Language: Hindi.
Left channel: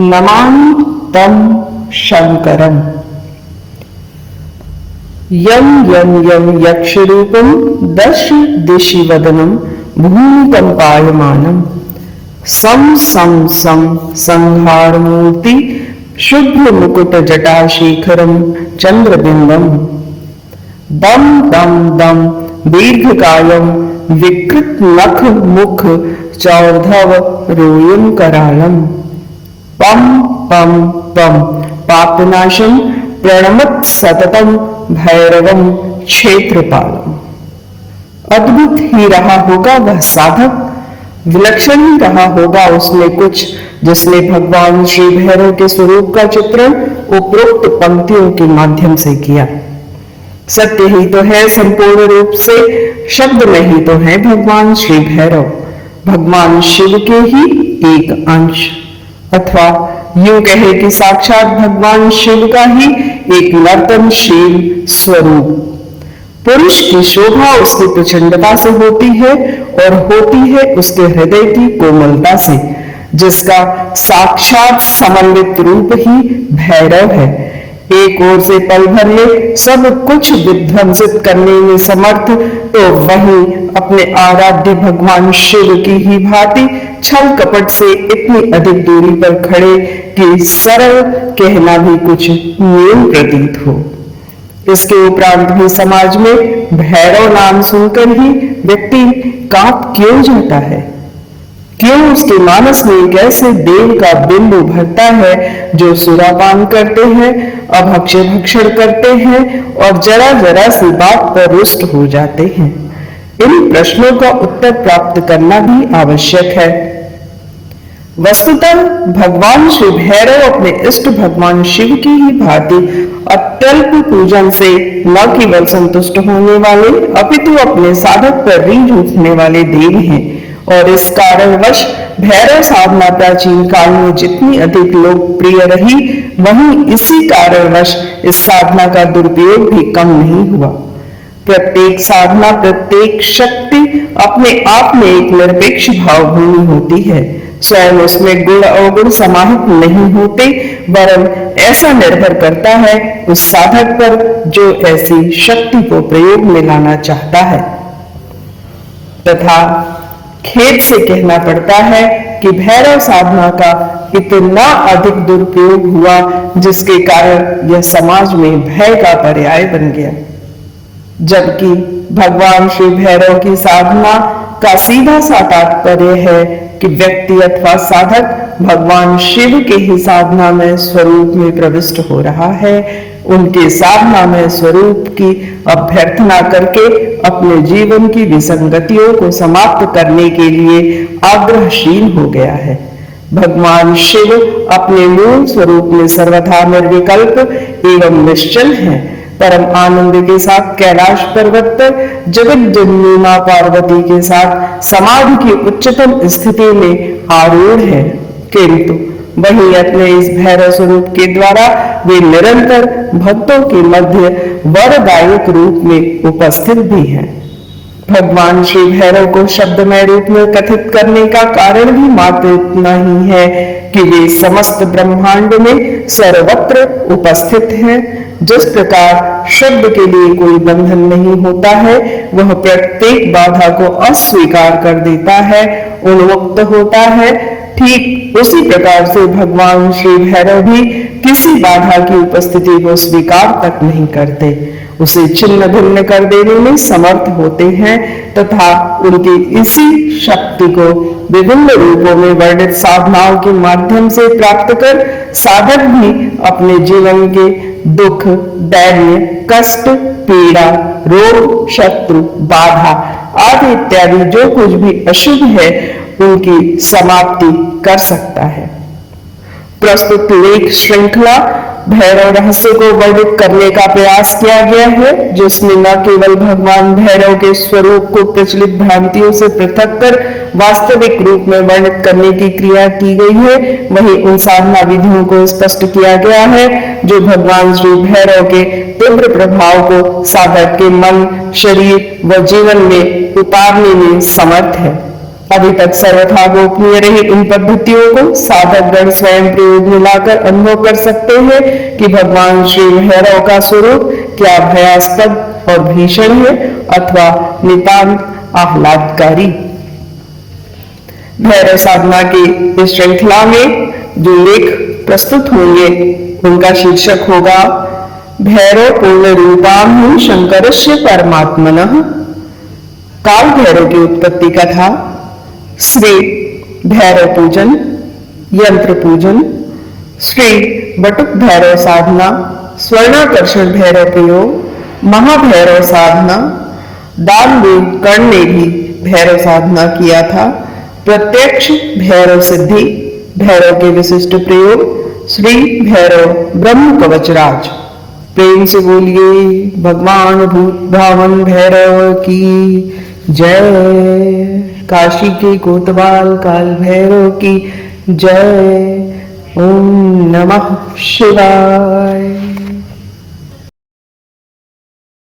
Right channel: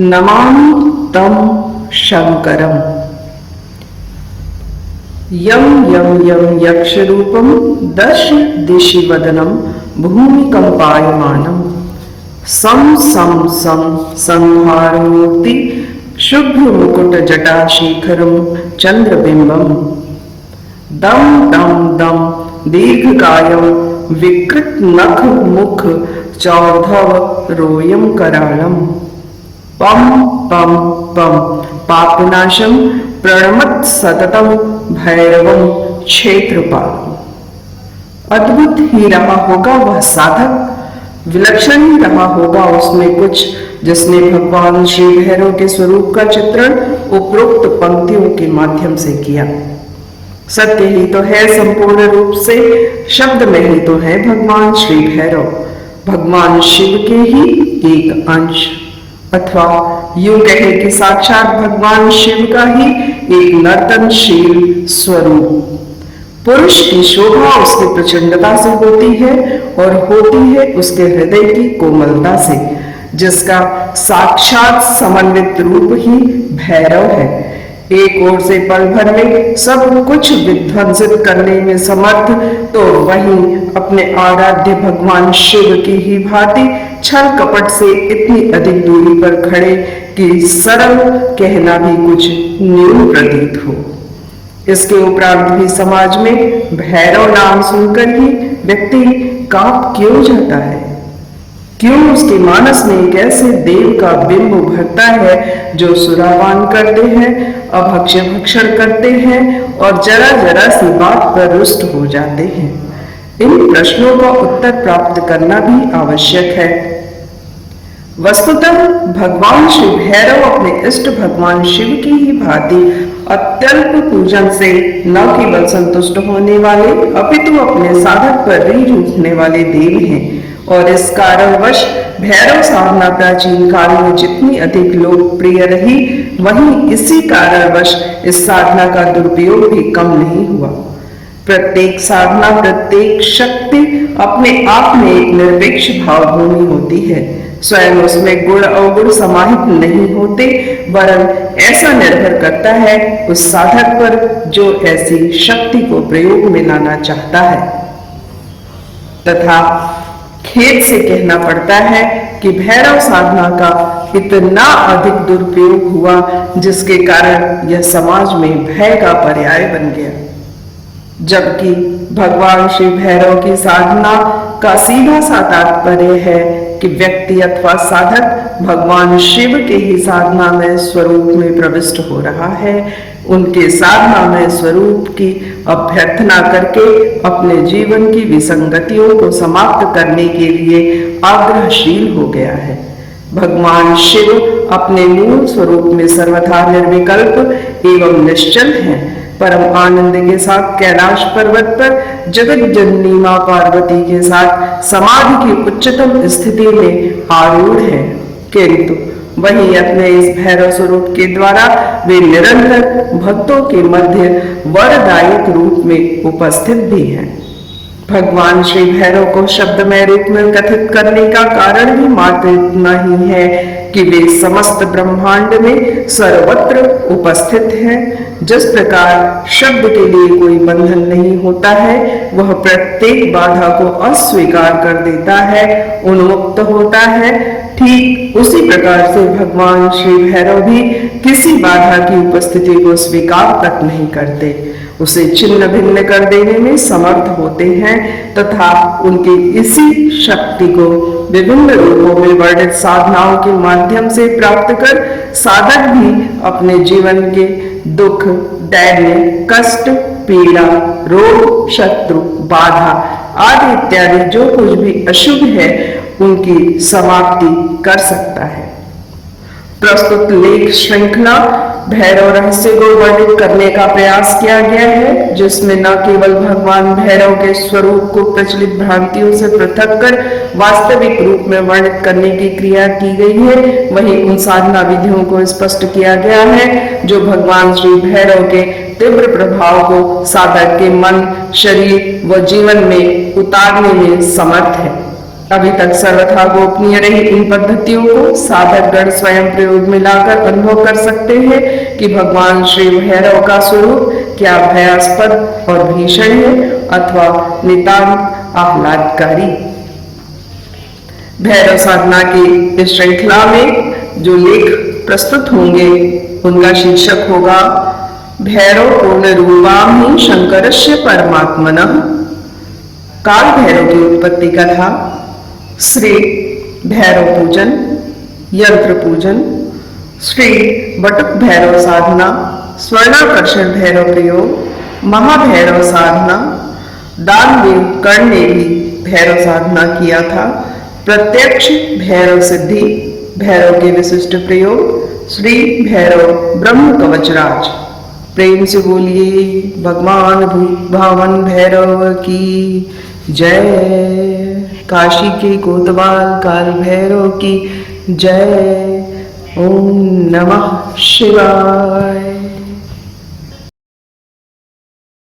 नमामि तं शंकरम्। यं यं यं यक्षरूपं दश दिशि वदनं भूमिकम्पायमानं सं सं सं संहारमूर्ति शुभ्र मुकुट जटाशेखरं चंद्रबिंबम दम दम दम दीर्घकायं विकृत नख मुख चौर्धव रोयं करालम पम पम पम पापनाशं प्रणमत सततम भैरवम क्षेत्रपालम। अद्भुत ही रहा होगा वह साधक, विलक्षण ही रहा होगा उसमें कुछ जिसने भगवान श्री भैरव के स्वरूप का चित्रण उपरोक्त पंक्तियों के माध्यम से किया। सत्य ही तो है संपूर्ण रूप से, शब्द में ही तो है भगवान श्री भैरव, भगवान शिव के ही एक अंश, अथवा यूं कहे कि साक्षात भगवान शिव का ही एक नर्तनशील स्वरूप। पुरुष की शोभा उसकी प्रचंडता से होती है और होती है उसके हृदय की कोमलता से, जिसका साक्षात समन्वित रूप ही भैरव है। एक ओर से पल भर में सब कुछ विध्वंसित करने में समर्थ, तो वहीं अपने आराध्य भगवान शिव की ही भांति छल कपट से इतनी अधिक दूरी पर खड़े कि सरल कहना भी कुछ न्यून प्रतीत हो। इसके उपरांत भी समाज में भैरव नाम सुनकर ही व्यक्ति कांप क्यों जाता है? क्यों उसके मानस में एक ऐसे देव का बिंब उभरता है जो सुरापान करते हैं, अभक्ष्य भक्षण करते हैं और जरा जरा सी बात पर रुष्ट हो जाते हैं? इन प्रश्नों का उत्तर प्राप्त करना भी आवश्यक है। वस्तुतः भगवान श्री भैरव अपने इष्ट भगवान शिव की ही भांति अत्यल्प पूजन से न केवल संतुष्ट होने वाले अपितु अपने साधक पर रीझ उठने वाले देव हैं, और इस कारणवश भैरव साधना प्राचीन काल में जितनी अधिक लोकप्रिय रही, वहीं इसी कारणवश इस साधना का दुरुपयोग भी कम नहीं हुआ। प्रत्येक साधना, प्रत्येक शक्ति अपने आप में एक निरपेक्ष भावभूमि होती है। स्वयं उसमें गुण अवगुण समाहित नहीं होते, वरन ऐसा निर्भर करता है उस साधक पर जो ऐसी शक्ति को प्रयोग में लाना चाहता है। तथा खेद से कहना पड़ता है कि भैरव साधना का इतना अधिक दुरुपयोग हुआ, जिसके कारण यह समाज में भय का पर्याय बन गया। जबकि भगवान श्री भैरव की साधना का सीधा सा तात्पर्य है कि व्यक्ति अथवा साधक भगवान शिव के ही साधना में स्वरूप में प्रविष्ट हो रहा है, उनके साधना में स्वरूप की अभ्यर्थना करके अपने जीवन की विसंगतियों को समाप्त करने के लिए आग्रहशील हो गया है। भगवान शिव अपने मूल स्वरूप में सर्वथा निर्विकल्प एवं निश्चल हैं। परम आनंद के साथ कैलाश पर्वत पर जगत जननी मां पार्वती के साथ समाधि की उच्चतम स्थिति में आरूढ़ है, किंतु वहीं अपने इस भैरव स्वरूप के द्वारा वे निरंतर भक्तों के मध्य वरदायक रूप में उपस्थित भी हैं। भगवान श्री भैरव को शब्दमय रूप में कथित करने का कारण भी मात्र इतना ही है कि वे समस्त ब्रह्मांड में सर्वत्र उपस्थित हैं। जिस प्रकार शब्द के लिए कोई बंधन नहीं होता है, वह प्रत्येक बाधा को अस्वीकार कर देता है, उन्मुक्त होता है, ठीक उसी प्रकार से भगवान श्री भैरव भी किसी बाधा की उपस्थिति को स्वीकार तक नहीं करते, उसे छिन्न भिन्न कर देने में समर्थ होते हैं तथा उनकी इसी शक्ति को विभिन्न रूपों में वर्णित साधनाओं के माध्यम से प्राप्त कर साधक भी अपने जीवन के दुख, दैन्य, कष्ट, पीड़ा, रोग, शत्रु, बाधा आदि इत्यादि जो कुछ भी अशुभ है उनकी समाप्ति कर सकता है। प्रस्तुत लेख श्रृंखला भैरव रहस्य को वर्णित करने का प्रयास किया गया है, जिसमें न केवल भगवान भैरव के स्वरूप को प्रचलित भ्रांतियों से पृथक कर वास्तविक रूप में वर्णित करने की क्रिया की गई है, वहीं उन साधना विधियों को स्पष्ट किया गया है जो भगवान श्री भैरव के तीव्र प्रभाव को साधक के मन, शरीर व जीवन में उतारने में समर्थ है। अभी तक सर्वथा गोपनीय रही इन पद्धतियों को साधक गण स्वयं प्रयोग में लाकर अनुभव कर सकते हैं कि भगवान श्री भैरव का स्वरूप क्या भयास्पद और भीषण है अथवा नितांत आह्लादकारी। भैरव साधना की इस श्रृंखला में जो लेख प्रस्तुत होंगे उनका शीर्षक होगा भैरव पूर्ण रूपाम ही शंकरस्य परमात्मनः। काल भैरव की उत्पत्ति कथा, श्री भैरव पूजन, यंत्र पूजन, श्री बटुक भैरव साधना, स्वर्णाकर्षण भैरव प्रयोग, महाभैरव साधना, दानवीर कर्ण ने भी भैरव साधना किया था, प्रत्यक्ष भैरव सिद्धि, भैरव के विशिष्ट प्रयोग, श्री भैरव ब्रह्म कवचराज। प्रेम से बोलिए भगवान भूत भावन भैरव की जय। काशी के कोतवाल काल भैरव की जय। ओम नमः शिवाय।